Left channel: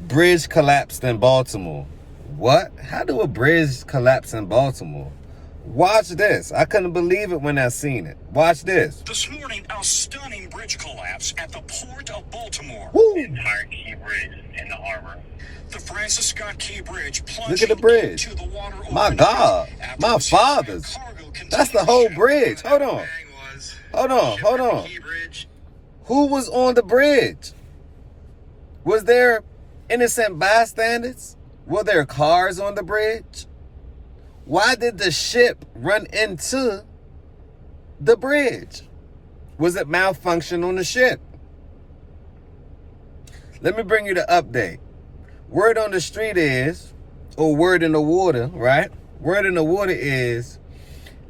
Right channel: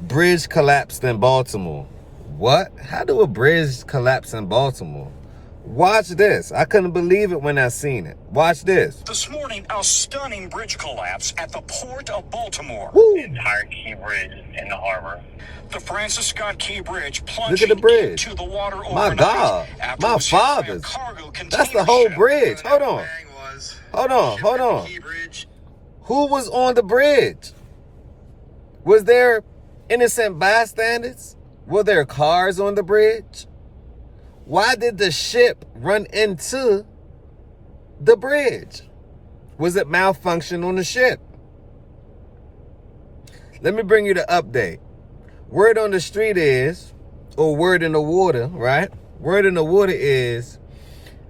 Bridge collapsed in Baltimore. What? How do a bridge collapse in Baltimore? Watch this. I couldn't believe it when I seen it. Watch this. This morning, a stunning bridge collapse at the port of Baltimore. Woo. The entire Key Bridge in the harbor. The Francis Scott Key Bridge plunged Look at the bridge. into the water My God. My fathers. That's the whole bridge. Hold on. Hold on. Who was on the bridge? Was there innocent bystanders? Were there cars on the bridge? Why did the ship run into the bridge? Was it malfunction on the ship? Let me bring you the update. Word on the street is, or word in the water, right? Word in the water is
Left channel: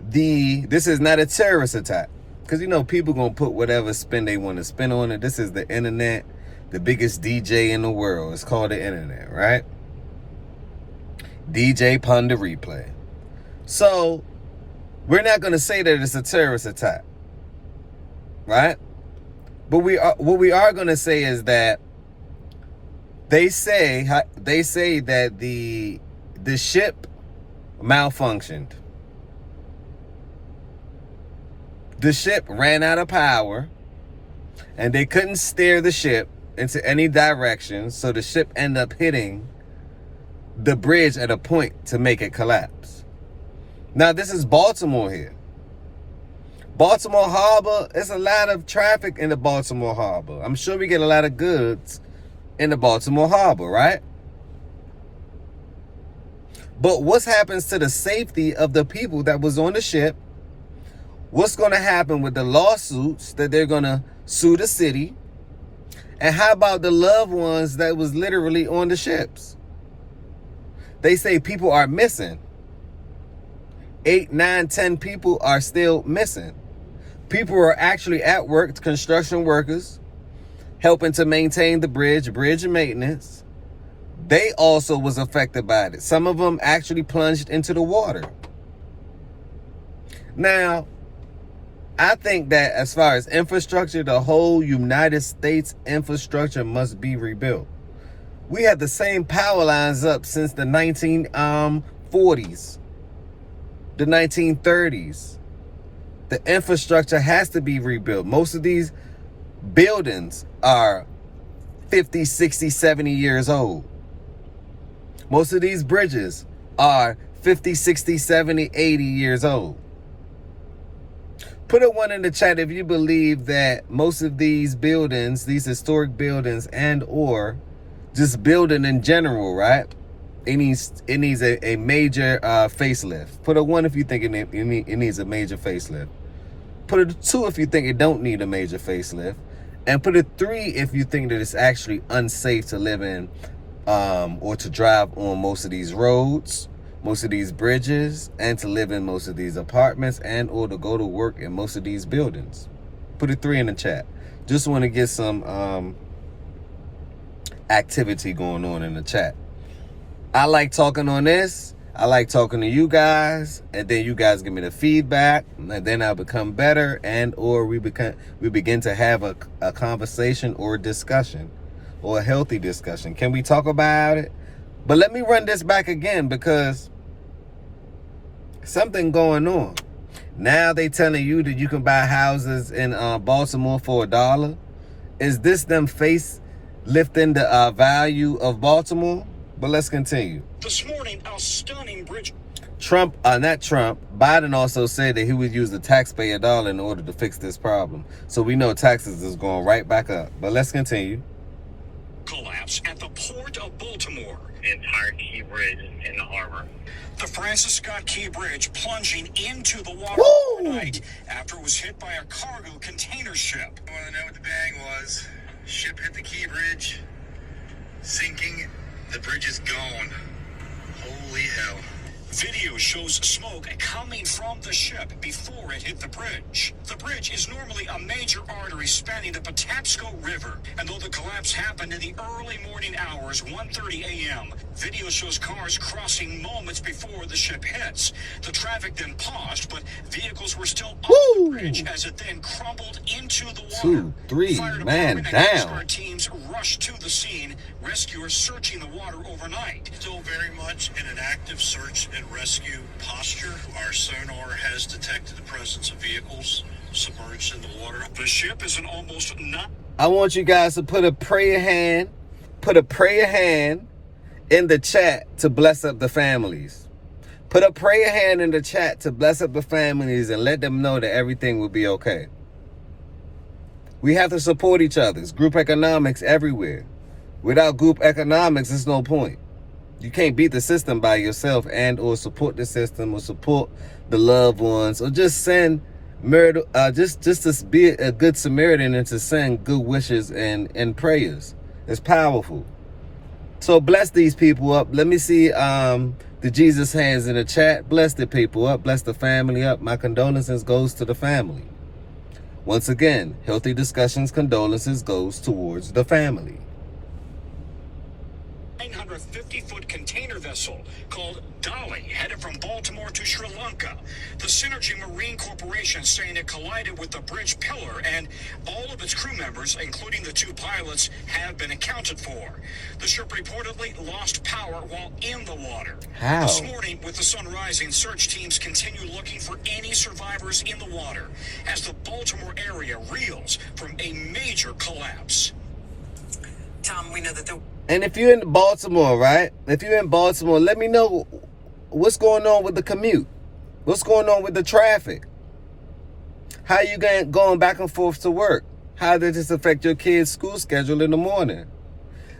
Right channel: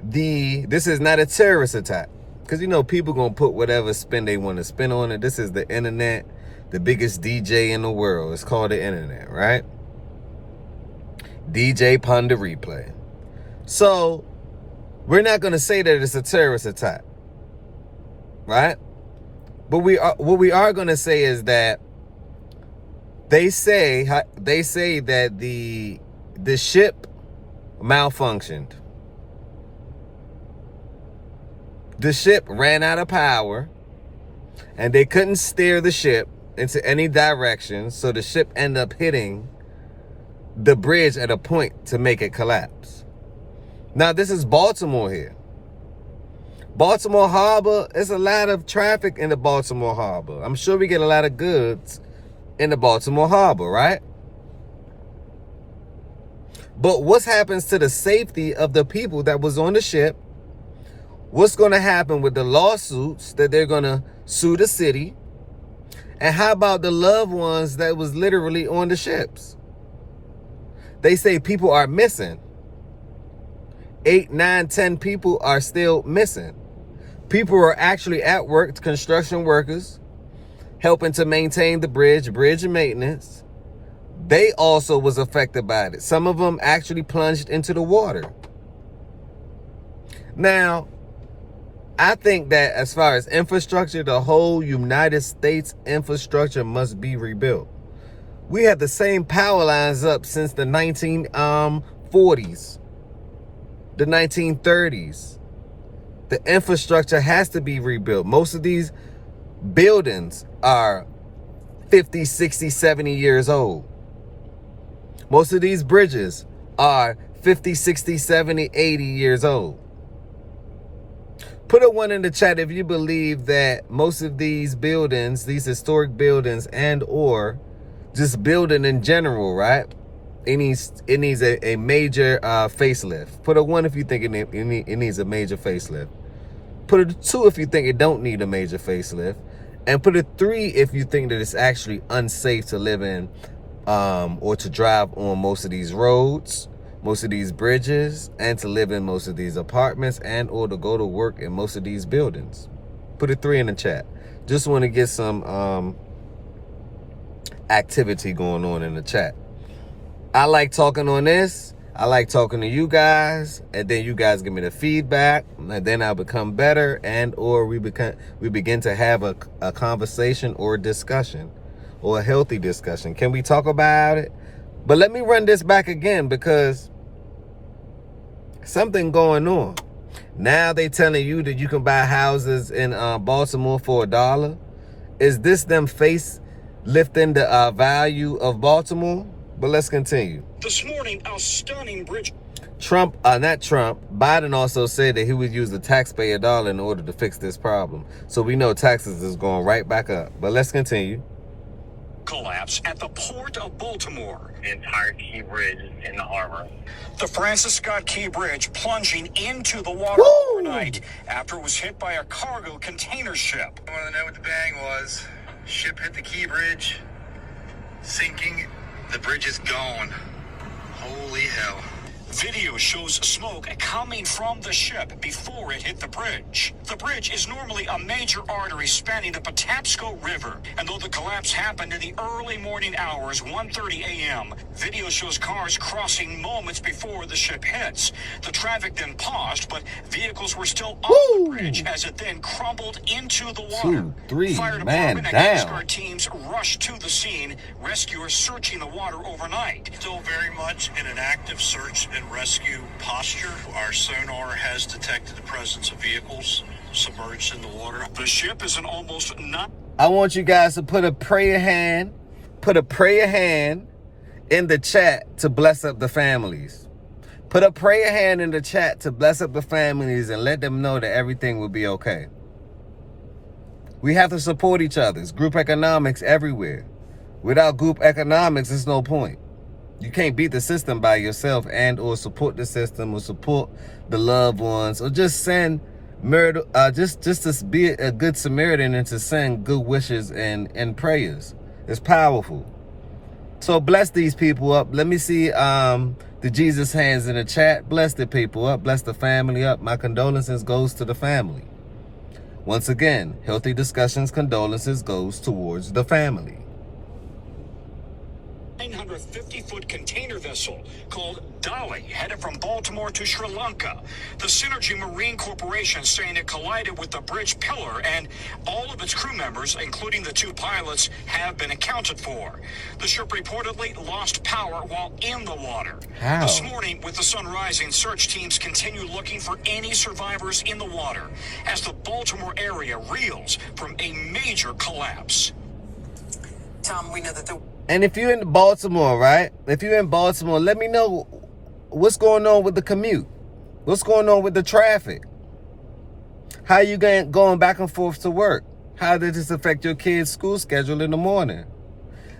this is not a terrorist attack. Because, people going to put whatever spin they want to spin on it. This is the internet, the biggest DJ in the world. It's called the internet, right? DJ Ponder Replay. So, we're not going to say that it's a terrorist attack, right? But what we are going to say is that they say that the ship malfunctioned. The ship ran out of power, and they couldn't steer the ship into any direction, so the ship ended up hitting the bridge at a point to make it collapse. Now, this is Baltimore here. Baltimore Harbor, there's a lot of traffic in the Baltimore Harbor. I'm sure we get a lot of goods in the Baltimore Harbor, right? But what happens to the safety of the people that was on the ship? What's going to happen with the lawsuits that they're going to sue the city? And how about the loved ones that was literally on the ships? They say people are missing. 8, 9, 10 people are still missing. People are actually at work, construction workers, helping to maintain the bridge maintenance. They also was affected by it. Some of them actually plunged into the water. Now, I think that as far as infrastructure, the whole United States infrastructure must be rebuilt. We had the same power lines up since the 1940s, the 1930s. The infrastructure has to be rebuilt. Most of these buildings are 50, 60, 70 years old. Most of these bridges are 50, 60, 70, 80 years old. Put a 1 in the chat if you believe that most of these buildings, these historic buildings and or just building in general, right? It needs a major facelift. Put a 1 if you think it needs a major facelift. Put a 2 if you think it don't need a major facelift. And put a 3 if you think that it's actually unsafe to live in or to drive on most of these roads, most of these bridges, and to live in most of these apartments and or to go to work in most of these buildings. Put a 3 in the chat. Just want to get some activity going on in the chat. I like talking on this. I like talking to you guys, and then you guys give me the feedback, and then I become better, and or we begin to have a conversation or a discussion, or a healthy discussion. Can we talk about it? But let me run this back again, because something going on. Now they telling you that you can buy houses in Baltimore for $1. Is this them face lifting the value of Baltimore? But let's continue. This morning, a stunning bridge. Biden also said that he would use the taxpayer dollar in order to fix this problem. So we know taxes is going right back up. But let's continue. Collapse at the port of Baltimore. The entire Key Bridge in the harbor. The Francis Scott Key Bridge plunging into the water overnight after it was hit by a cargo container ship. I want to know what the bang was. Ship hit the Key Bridge, sinking. The bridge is gone. Holy hell. Video shows smoke coming from the ship before it hit the bridge. The bridge is normally a major artery spanning the Patapsco River, and though the collapse happened in the early morning hours, 1:30 a.m., video shows cars crossing moments before the ship hits. The traffic then paused, but vehicles were still on the bridge as it then crumbled into the water. 2, 3, Fire man department and Coast down. Guard teams rushed to the scene, rescuers searching the water overnight. Still very much in an active search and rescue posture. Our sonar has detected the presence of vehicles submerged in the water. The ship is an almost not. I want you guys to put a prayer hand in the chat to bless up the families. Put a prayer hand in the chat to bless up the families and let them know that everything will be okay. We have to support each other. It's group economics everywhere. Without group economics, there's no point. You can't beat the system by yourself and or support the system or support the loved ones or just send just to be a good Samaritan and to send good wishes and prayers. It's powerful. So bless these people up. Let me see the Jesus hands in the chat. Bless the people up. Bless the family up. My condolences goes to the family. Once again, Healthy Discussions condolences goes towards the family. 950-foot container vessel called Dolly headed from Baltimore to Sri Lanka. The Synergy Marine Corporation saying it collided with the bridge pillar and all of its crew members, including the 2 pilots, have been accounted for. The ship reportedly lost power while in the water. How? This morning, with the sun rising, search teams continue looking for any survivors in the water as the Baltimore area reels from a major collapse. Tom, we know that the And if you're in Baltimore, right? If you're in Baltimore, let me know what's going on with the commute. What's going on with the traffic? How you going back and forth to work? How did this affect your kids' school schedule in the morning?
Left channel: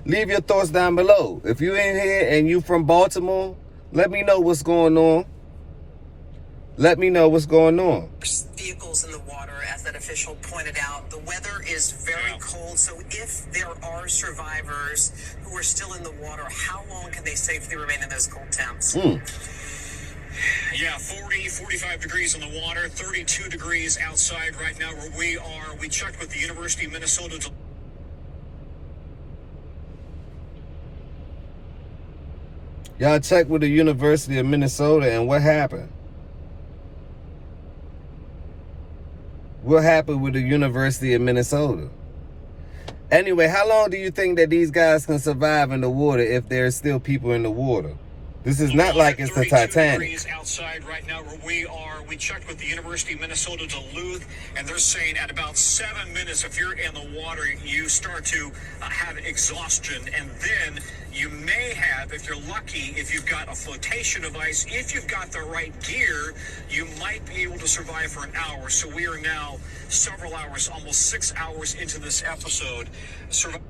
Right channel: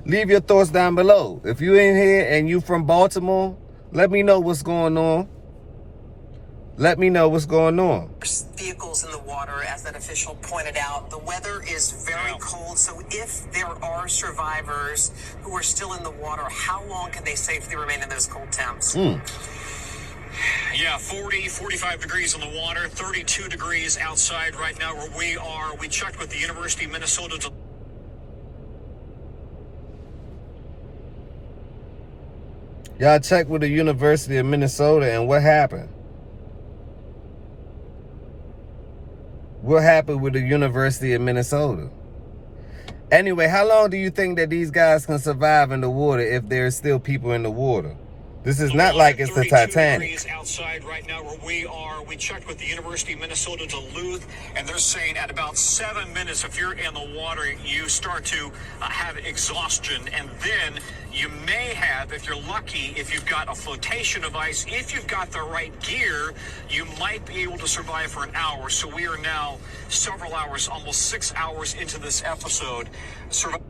Leave your thoughts down below. If you're in here and you from Baltimore, let me know what's going on. Let me know what's going on. vehicles in the water, as that official pointed out. The weather is very cold, so if there are survivors who are still in the water, how long can they safely remain in those cold temps? Yeah, 40, 45 degrees in the water, 32 degrees outside right now where we are. We checked with the University of Minnesota. Y'all checked with the University of Minnesota, and what happened? What happened with the University of Minnesota? Anyway, how long do you think that these guys can survive in the water if there's still people in the water? This is not like it's the Titanic. Outside right now where we are, we checked with the University of Minnesota Duluth, and they're saying at about 7 minutes, if you're in the water, you start to have exhaustion, and then you may have, if you're lucky, if you've got a flotation device, if you've got the right gear, you might be able to survive for an hour. So we are now several hours, almost 6 hours into this episode.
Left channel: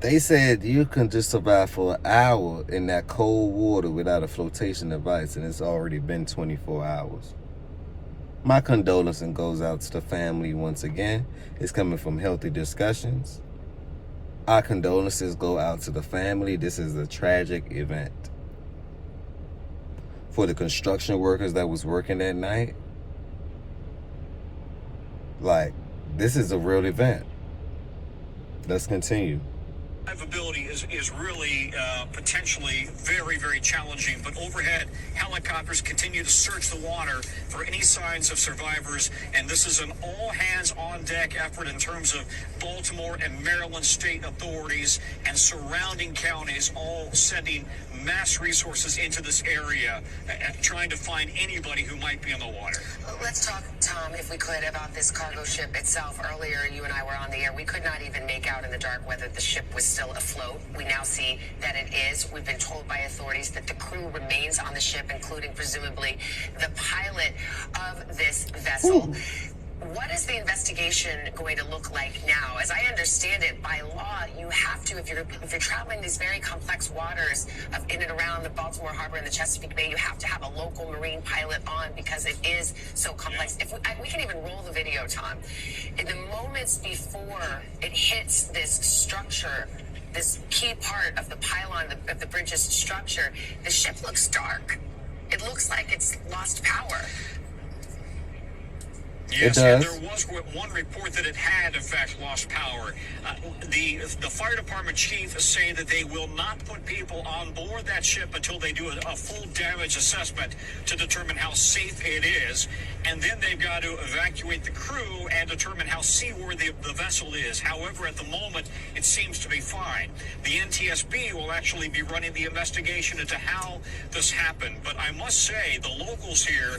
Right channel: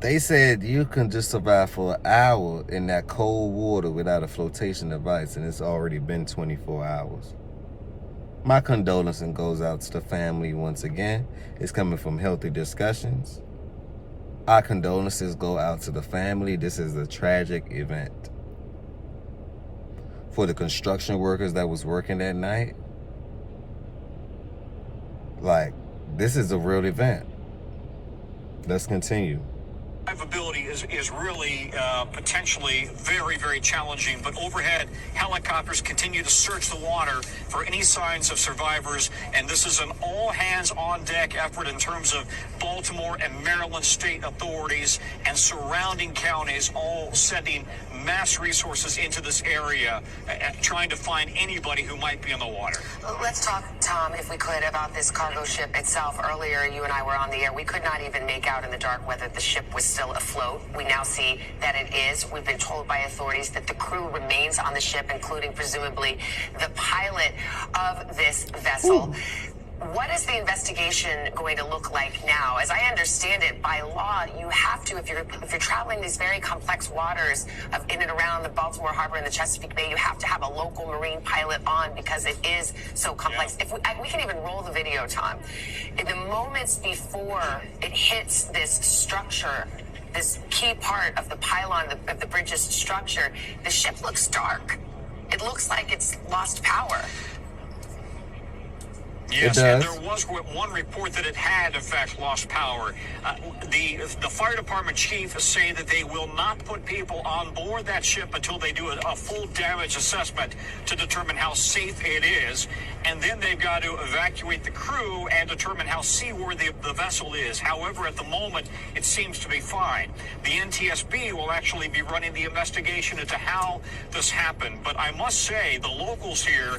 They said you can just survive for an hour in that cold water without a flotation device, and it's already been 24 hours. My condolences goes out to the family once again. It's coming from Healthy Discussions. Our condolences go out to the family. This is a tragic event. For the construction workers that was working that night, like, this is a real event. Let's continue. Survivability is really potentially very, very challenging, but overhead helicopters continue to search the water for any signs of survivors, and this is an all-hands-on-deck effort in terms of Baltimore and Maryland state authorities and surrounding counties all sending mass resources into this area, trying to find anybody who might be in the water. Let's talk, Tom, if we could, about this cargo ship itself. Earlier, you and I were on the air. We could not even make out in the dark whether the ship was still afloat. We now see that it is. We've been told by authorities that the crew remains on the ship, including presumably the pilot of this vessel. Ooh. What is the investigation going to look like now? As I understand it, by law, you have to, if you're traveling these very complex waters of in and around the Baltimore Harbor and the Chesapeake Bay, you have to have a local marine pilot on because it is so complex. If we can even roll the video, Tom. In the moments before it hits this structure, this key part of the pylon of the bridge's structure, the ship looks dark. it looks like it's lost power. Yes, It and does. there was one report that it had, in fact, lost power. The fire department chief is saying that they will not put people on board that ship until they do a full damage assessment to determine how safe it is. And then they've got to evacuate the crew and determine how seaworthy the vessel is. However, at the moment, it seems to be fine. The NTSB will actually be running the investigation into how this happened. But I must say, the locals here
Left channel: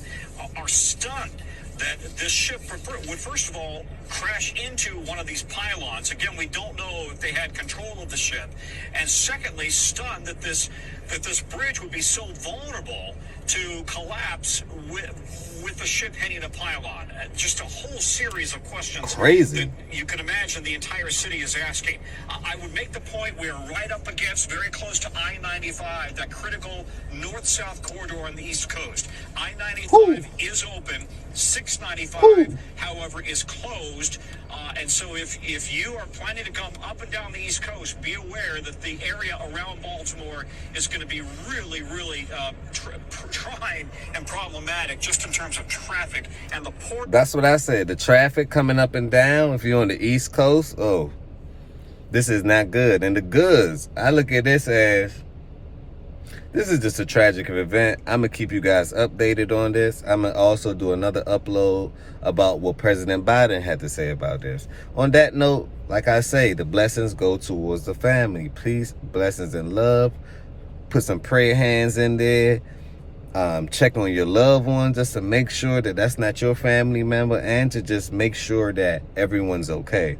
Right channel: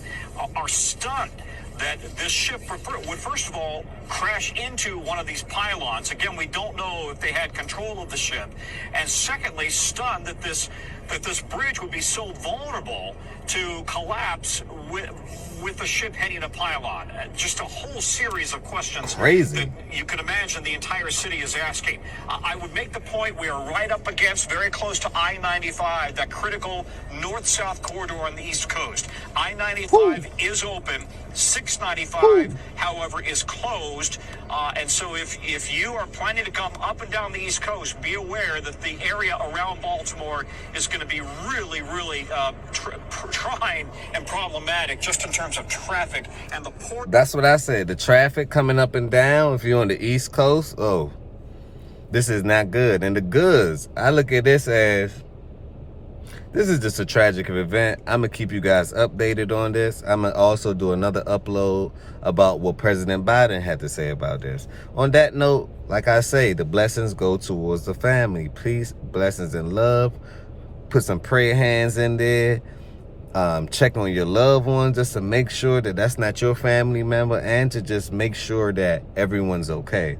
are stunned that this ship would, first of all, crash into one of these pylons. Again, we don't know if they had control of the ship. And secondly, stunned that this bridge would be so vulnerable to collapse with the ship hitting a pylon. Just a whole series of questions. Crazy. That you can imagine the entire city is asking. I would make the point we are right up against, very close to I-95, that critical north-south corridor on the East Coast. I-95 is open. 695, however, is closed. And so if you are planning to come up and down the East Coast, be aware that the area around Baltimore is going to be really, really trying and problematic just in terms of traffic and the port. That's what I said. The traffic coming up and down, if you're on the East Coast, oh, this is not good. And the goods, I look at this as, this is just a tragic event. I'm going to keep you guys updated on this. I'm going to also do another upload about what President Biden had to say about this. On that note, like I say, the blessings go towards the family. Peace, blessings, and love. Put some prayer hands in there. Check on your loved ones just to make sure that that's not your family member, and to just make sure that everyone's okay.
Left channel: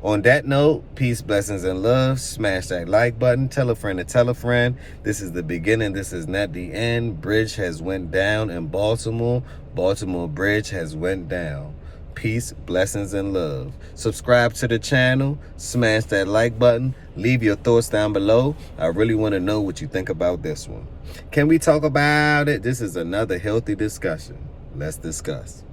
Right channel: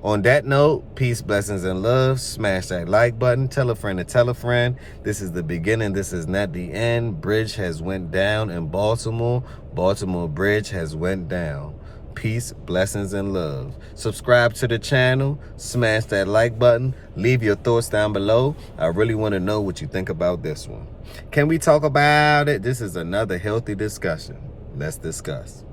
On that note, peace, blessings, and love. Smash that like button. Tell a friend to tell a friend. This is the beginning. This is not the end. Bridge has went down in Baltimore. Baltimore Bridge has went down. Peace, blessings, and love. Subscribe to the channel. Smash that like button. Leave your thoughts down below. I really want to know what you think about this one. Can we talk about it? This is another healthy discussion. Let's discuss.